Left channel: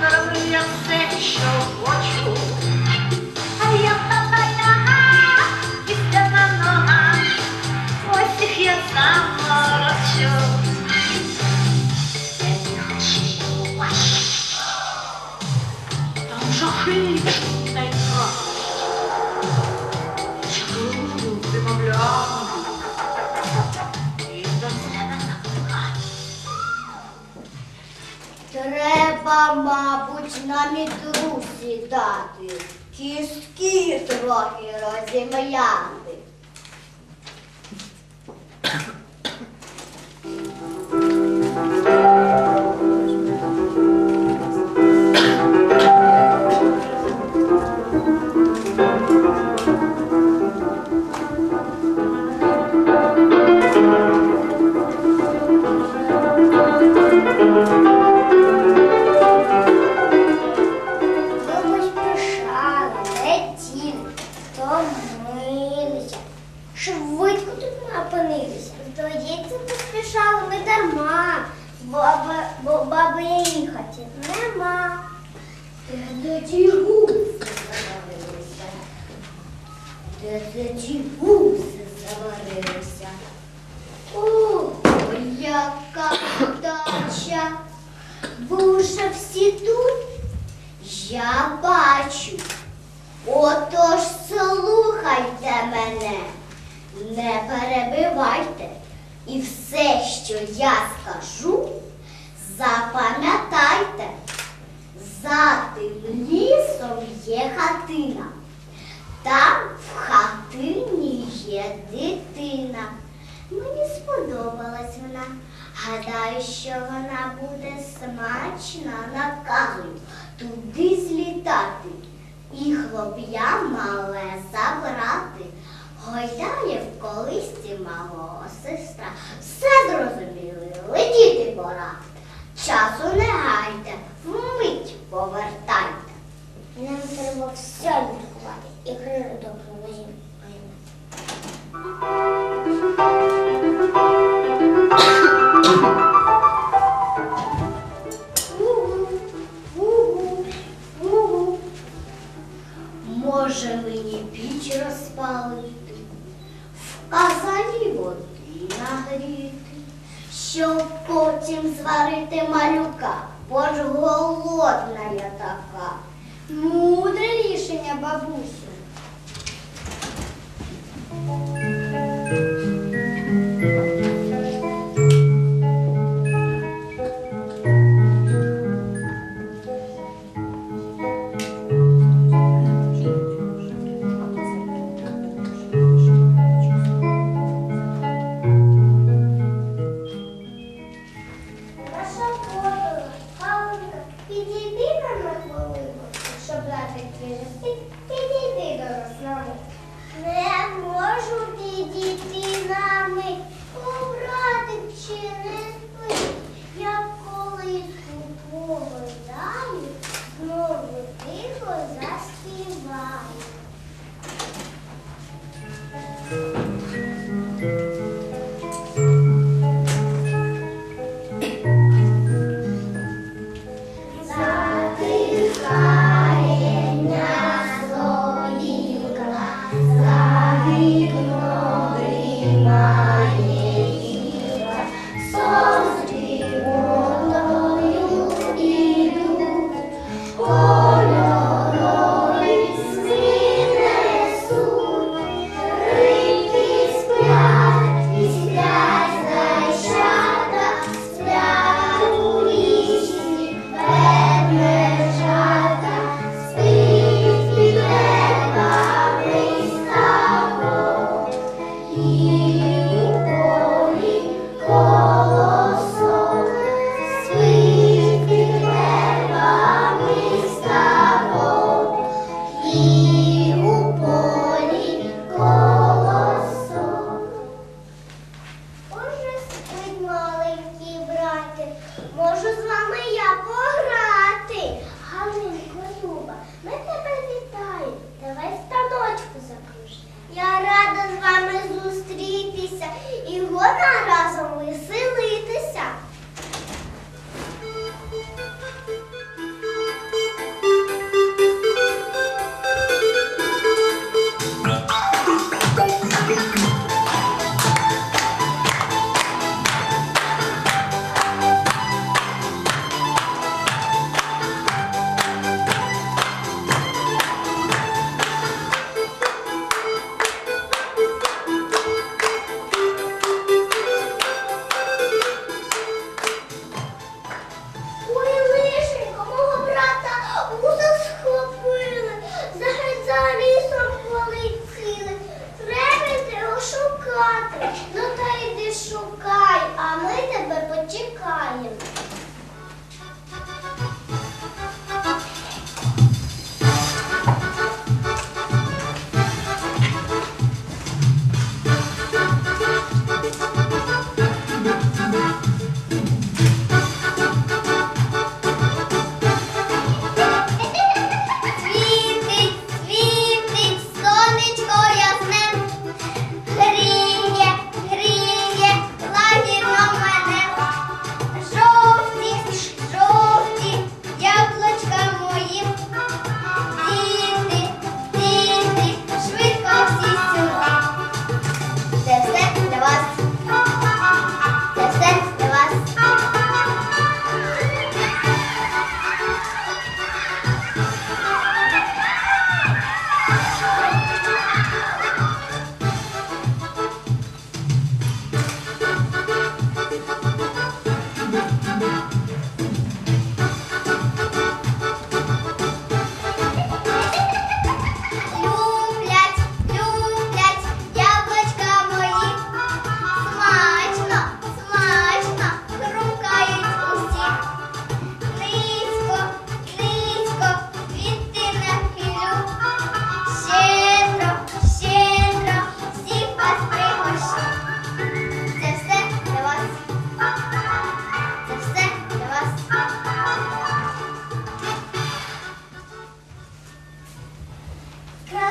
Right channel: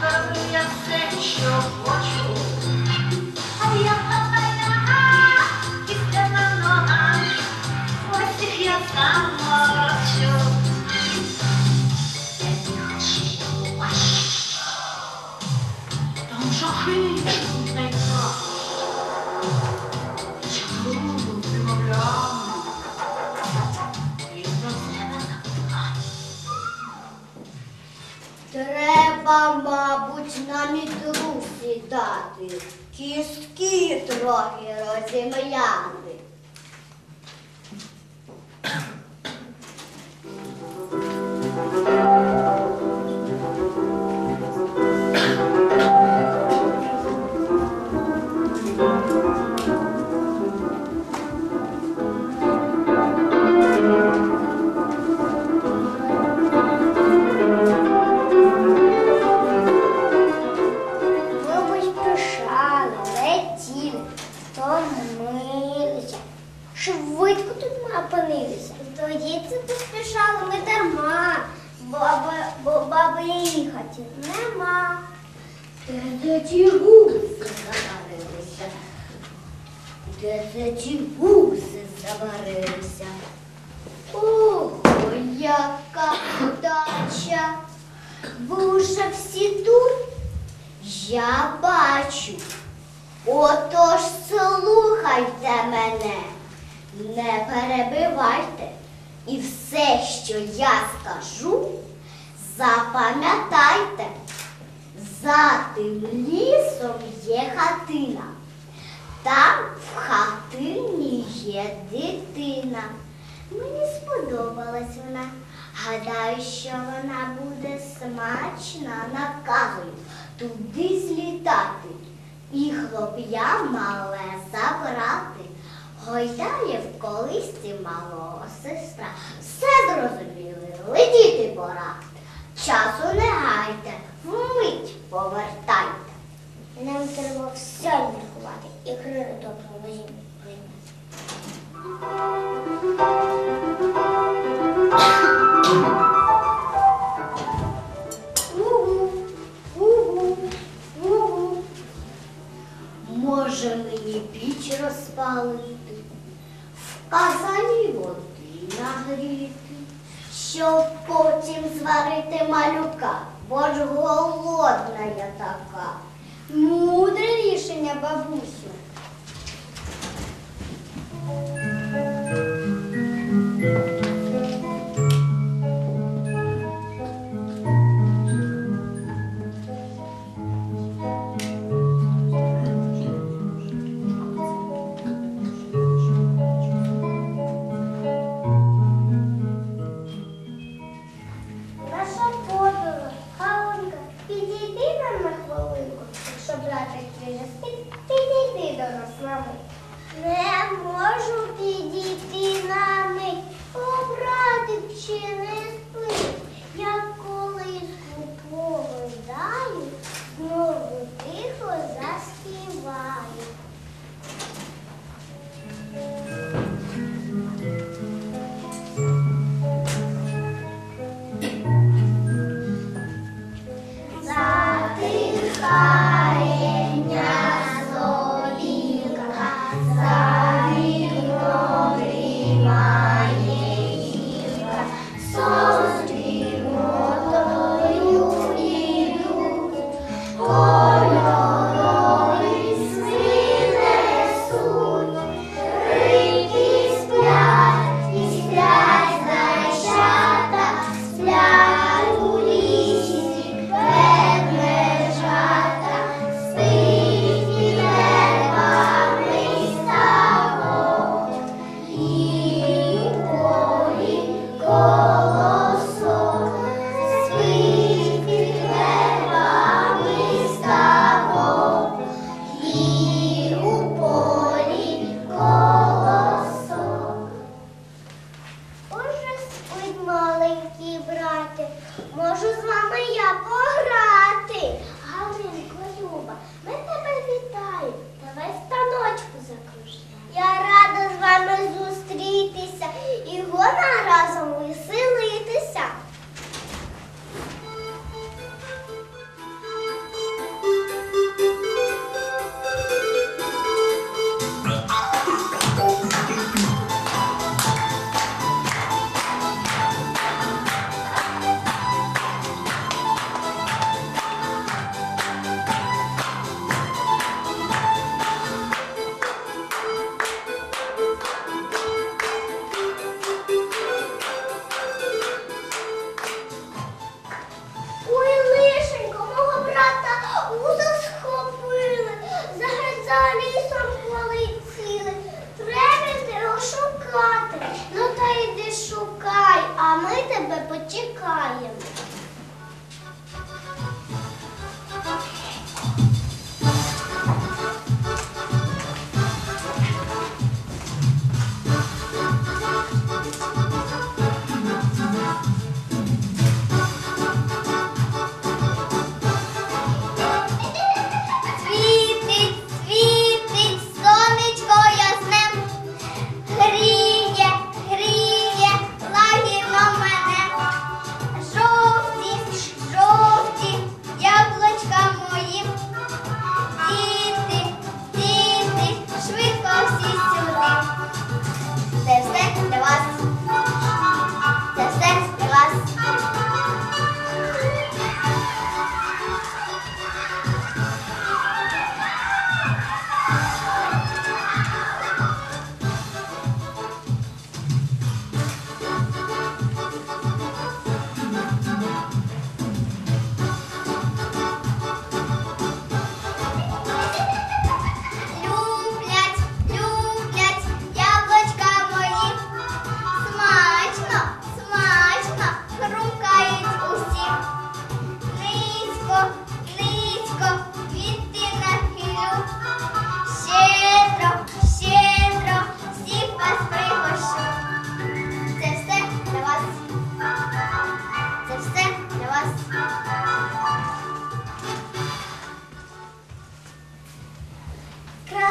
Para brilhar sexo Вимовляю. До себе закликаю. Треба, мабуть, на мітру сідати, кістки трохи розім'яти. Баби, баби їхати нема. Де ті гуси заварилися? Де це ті гуси заварилися? Ого, яка вдача! Ви уже всі тут? Я бачу. Отож слухайте мене, не перебивайте. І все, що я скажу, запам'ятайте. За тим лісом є хатина. Там в хатині є дитина. Мені сподобалась вона. Гадаю, що вона буде смачна, наказую туди злітати і хлоп'я мале забрати. Гойдає в колисці малого сестра. Все зрозуміли, летіти пора. Часу не гайте, вмить повертайте. Нам треба все лікувати і крили добре возім. Потім малюка, бо ж голодна я така. Мудре рішення, бабусю. She lives.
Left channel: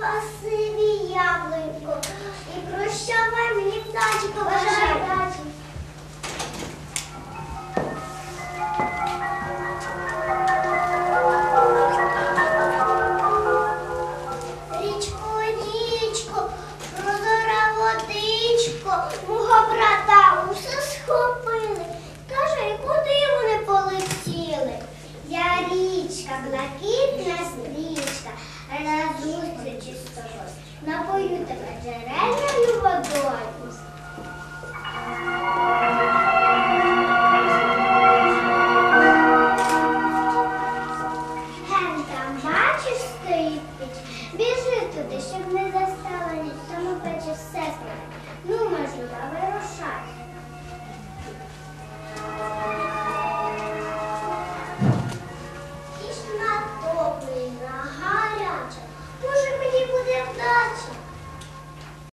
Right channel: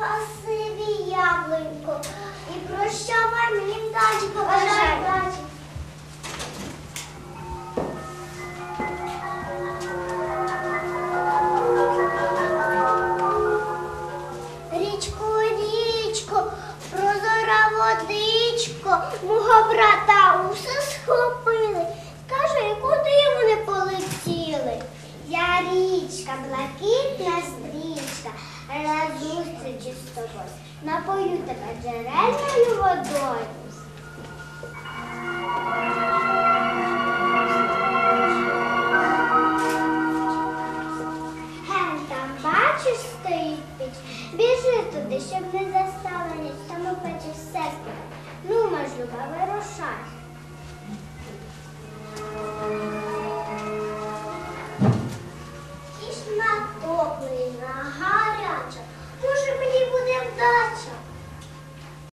спасибі яблунько, і прощавай мені вдачі побажай. вдачі. Річко, річко, прозора водичко, мого брата усе схопили. Скажи, куди вони полетіли? Я річка, блакитна стрічка рад зустрічі з тобою. Напою тебе джерельною водою. Ген там, бачиш, стоїть піч. Біжи туди, щоб не застала тому пече все. Ну, мажу, люба, вирушай.